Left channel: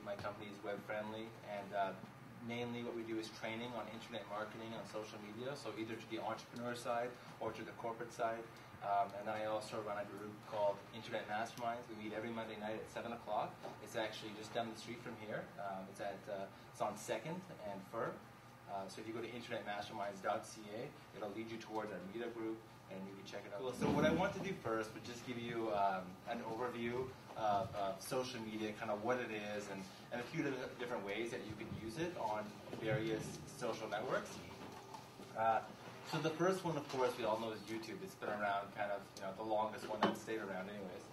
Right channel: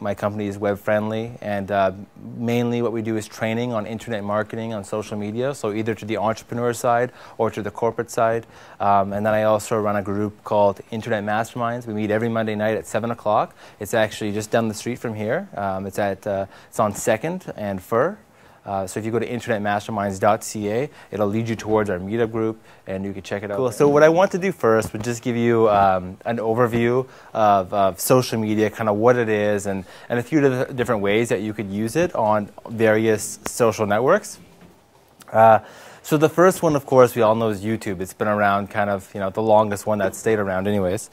My company is web friendly, and mainly what we do is training on internet marketing on social media, so either to the entrepreneur side or to the corporate side. And then I also run a group called Internet Masterminds. We meet every Monday night at 7 o'clock. It's actually just down the street from here. It's on 2nd and Fur. So if you go to internetmasterminds.ca, it'll lead you towards our meetup group, and you can check it out. Cool. So what I want to do first would just give you an overview of social media, kind of what it is, and a few different ways that you could use it on various social networks. So the first one, of course, we all know is YouTube. It's been around kind of, the longest one that's stayed around anyways.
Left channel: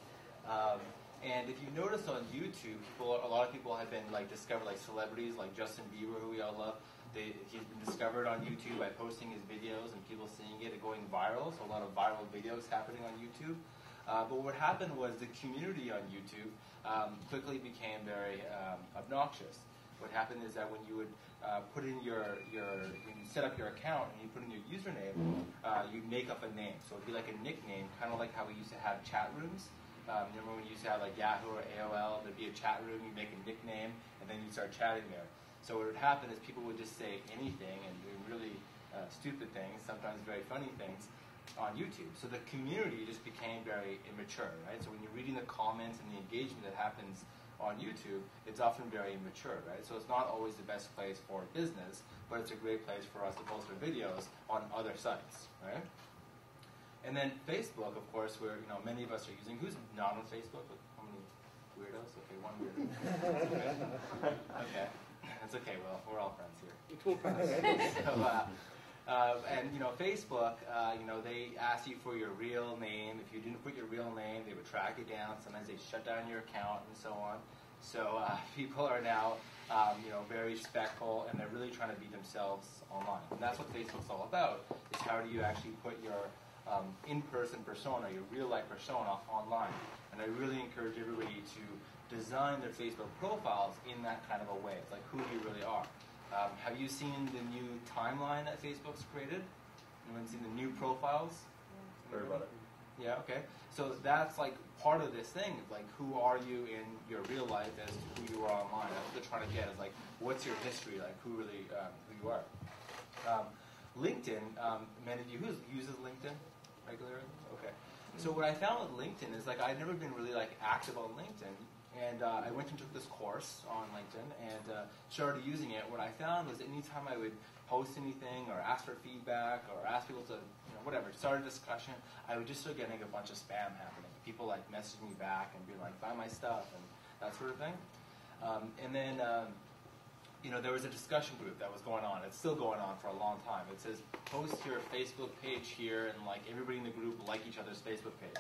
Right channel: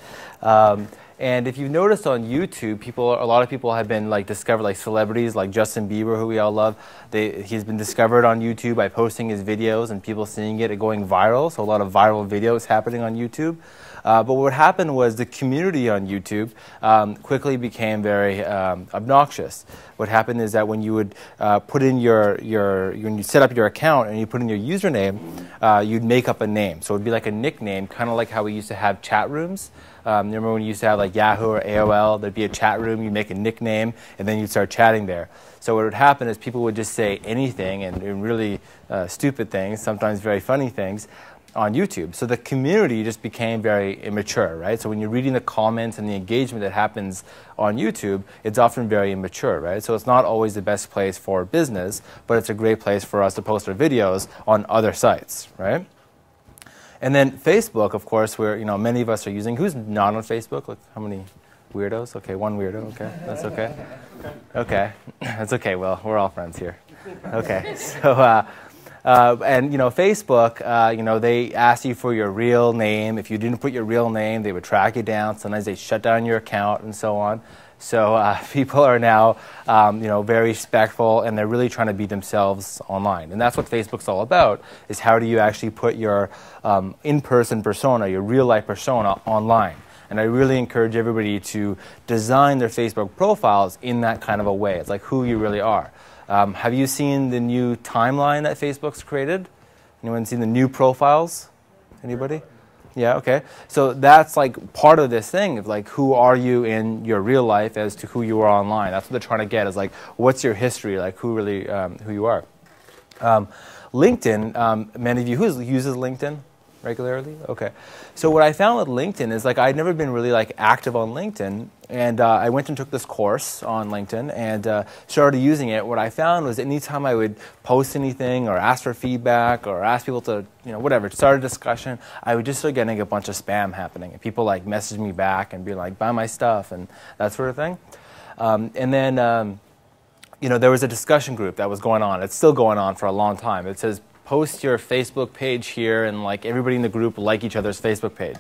And if you've noticed on YouTube, a lot of people have been discovered, like celebrities like Justin Bieber, who we all love. He's been discovered on YouTube by posting his videos and people seeing it and going viral. So a lot of viral videos happening on YouTube. But what happened was the community on YouTube quickly became very obnoxious. What happened is that when you would put in when you set up your account and you put in your username, you'd make up a name. So it would be like a nickname, kind of like how we used to have chat rooms. Remember when you used to have like Yahoo or AOL, there'd be a chat room, you'd make a nickname, and then you'd start chatting there. So what would happen is people would just say anything and really stupid things, sometimes very funny things, on YouTube. So the community just became very immature, right? So when you're reading the comments and the engagement that happens on YouTube, it's often very immature, right? So it's not always the best place for business, but it's a great place for us to post our videos on other sites, right? And then Facebook, of course, where many of us are using. Who's not on Facebook? Like, how many weirdos? Okay, one weirdo. Okay, that's okay. Okay, that's okay. Well, we're all friends here. Okay, so and Facebook, they ask you for your real name. If you didn't put your real name, they would track you down. Sometimes they shut down your account and so on. So people are now, very respectful, and they're really trying to be themselves online. And that's what Facebook's all about, is how do you actually put your in-person persona, your real-life persona, online. And I really encourage everybody to design their Facebook profiles in that kind of a way. It's like who you really are. Have you seen the new timeline that Facebook's created? Anyone seen the new profiles? Anybody? Yeah, okay. So that's like part of this thing of like who are you in your real life as to who you are online. That's what they're trying to get, is like what's your history, like who really who you are. LinkedIn, many of you, who uses LinkedIn regularly? Okay. So what I found with LinkedIn is I'd never been really active on LinkedIn, and I went and took this course on LinkedIn and started using it. What I found was anytime I would post anything or ask for feedback or ask people to, whatever, start a discussion, I would just start getting a bunch of spam happening. And people message me back and be like, buy my stuff and that sort of thing. And then, there was a discussion group that was going on. It's still going on for a long time. It says, post your Facebook page here, and everybody in the group like each other's Facebook page,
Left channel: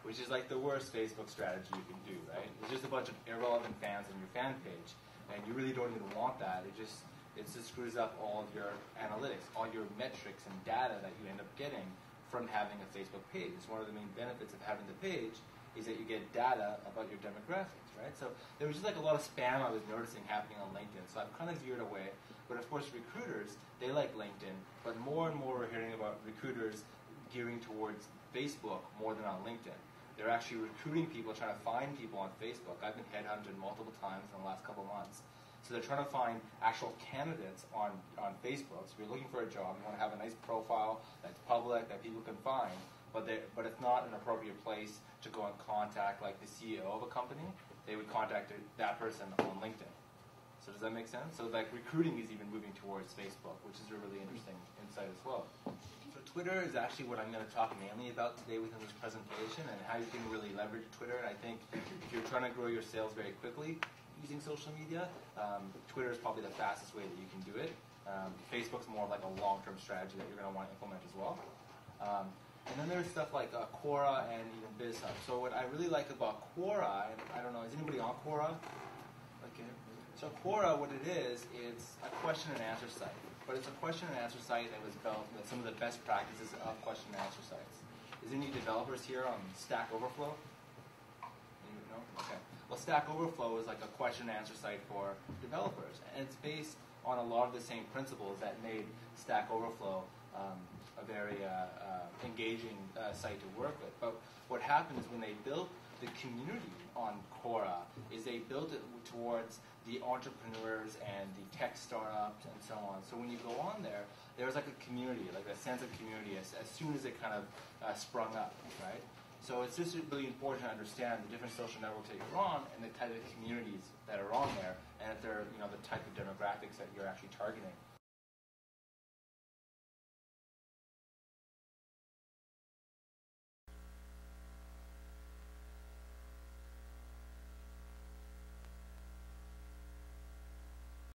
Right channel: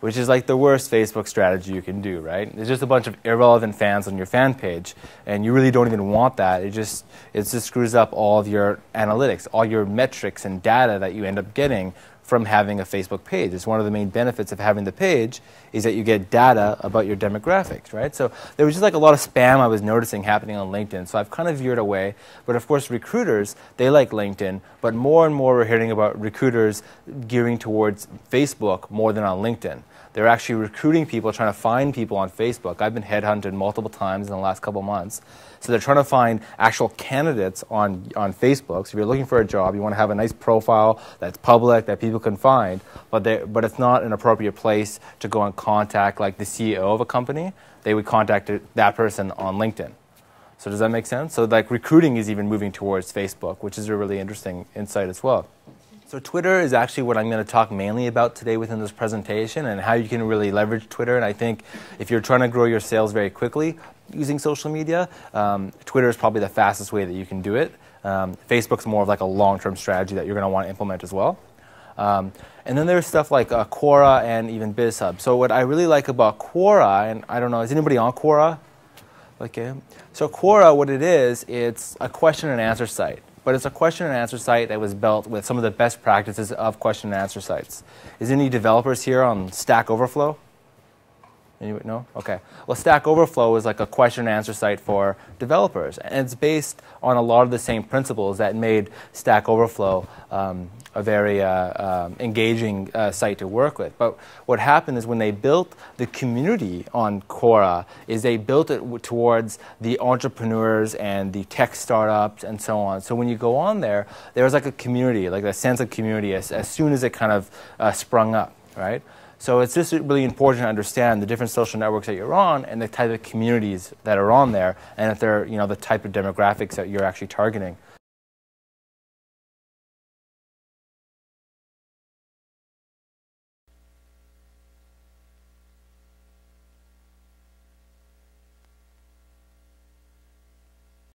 which is the worst Facebook strategy you can do, right? There's just a bunch of irrelevant fans on your fan page, and you really don't even want that. It just screws up all of your analytics, all your metrics and data that you end up getting from having a Facebook page. It's one of the main benefits of having the page is that you get data about your demographics, right? So there was just a lot of spam I was noticing happening on LinkedIn, so I've kind of veered away. But of course, recruiters, they like LinkedIn, but more and more we're hearing about recruiters gearing towards Facebook more than on LinkedIn. They're actually recruiting people, trying to find people on Facebook. I've been headhunted multiple times in the last couple months. So they're trying to find actual candidates on Facebook. So if you're looking for a job, you want to have a nice profile that's public, that people can find, but it's not an appropriate place to go and contact the CEO of a company. They would contact that person on LinkedIn. So does that make sense? So recruiting is even moving towards Facebook, which is a really interesting insight as well. So Twitter is actually what I'm going to talk mainly about today within this presentation, and how you can really leverage Twitter. And I think if you're trying to grow your sales very quickly using social media, Twitter is probably the fastest way that you can do it. Facebook's more of a long-term strategy that you're going to want to implement as well. And then there's stuff like Quora and even BizHub. So what I really like about Quora, and I don't know, is anybody on Quora? Okay. So Quora, what it is, it's a question and answer site. But it's a question and answer site that was built with some of the best practices of question and answer sites. Is any developers here on Stack Overflow? Anyone? No? Okay. Well, Stack Overflow is like a question and answer site for developers. And it's based on a lot of the same principles that made Stack Overflow a very engaging site to work with. But what happened is when they built the community on Quora is they built it towards the entrepreneurs and the tech startups and so on. So when you go on there, there's like a community, like a sense of community as soon as it kind of sprung up, right? So it's just really important to understand the different social networks that you're on and the type of communities that are on there, and if they're, you know, the type of demographics that you're actually targeting.